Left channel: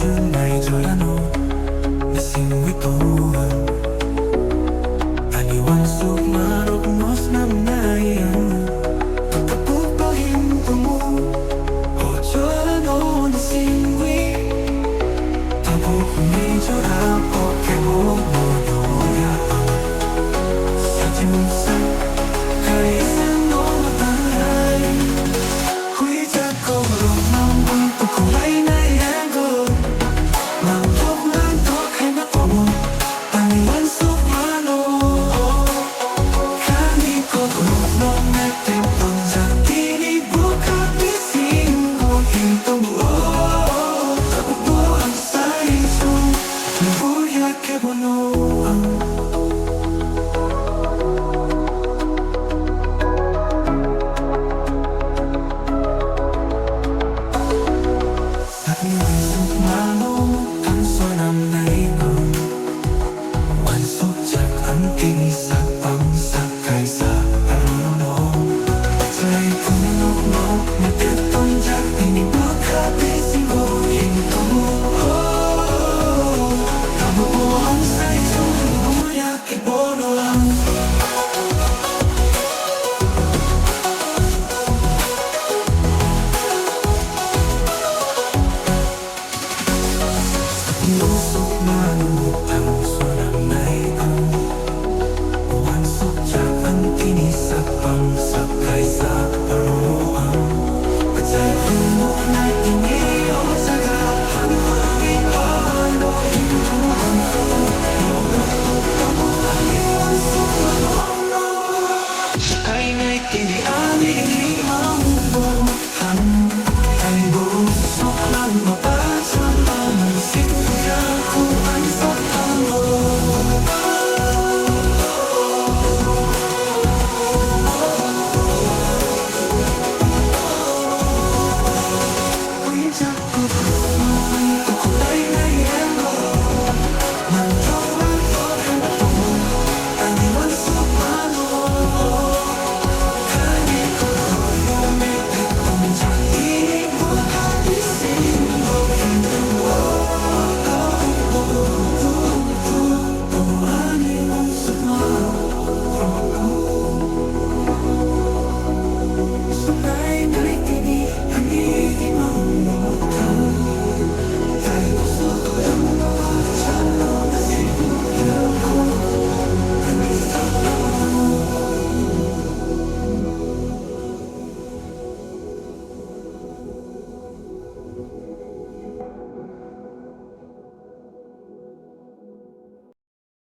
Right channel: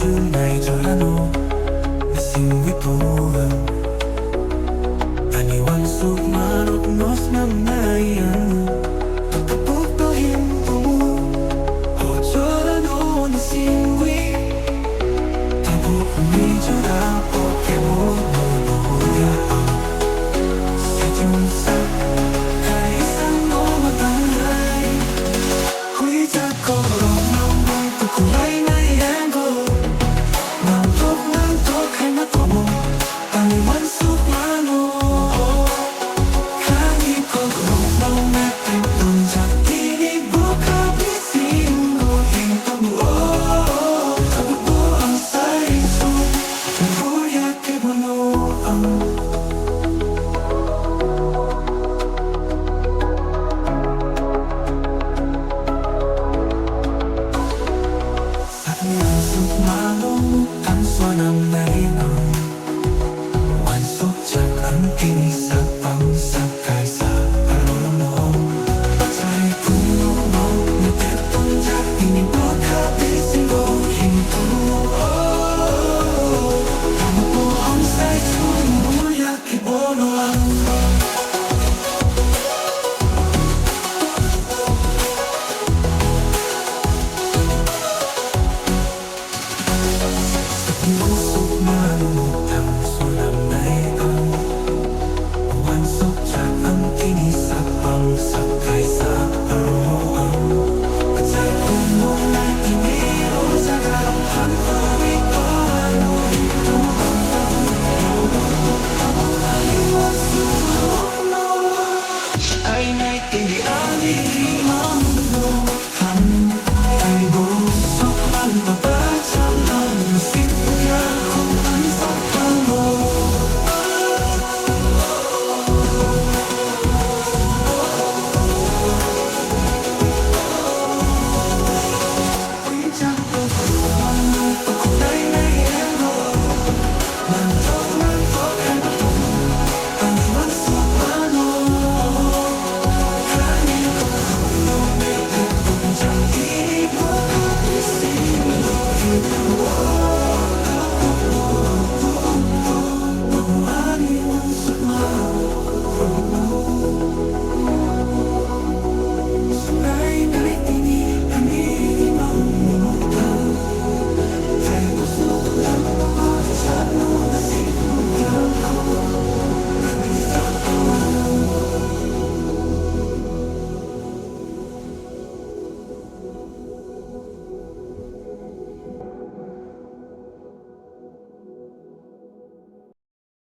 Medyorano Nasingwituhan Aniwan sukmarok nos namnayan Pagpapupahin tumo Medyorano nasingwi Tabo kumidyorapo Kemo monoya Sejunsa Kaisan no matangay Huita ko rong mamoy Pagkulay na yango Mantok ay makomo Aniwan sukmano Kami ko kulong metempon Sa tinibok kabising Huwing tumuo Tabubo ang saiso Nuhuya kebunuang Aniwan sukmano Ang sonam na ibang Wansok jak ang tinis at pangsakay sa arunong Patay punok no Matiton jak inibot habising ko Hinto Tamo po ang saito Inuya kibono ang Pusok manumutang sonam na ang Wansok jak ang tinis at pangsakay sa aruan Patay punok na iniro sa garapan Pagipano ito ang tabo Naluktok ang aliwan sukmano Ay naitindihan ilimang mundo Ay busok lang mabasa lang Sintuya ko ay sa tanong Uwiyak ko kulong Pagkulay na yango Mantok ang bato Aniwan sukmano Kanin ko kulong Metapon sa inibok Habising ko hintawa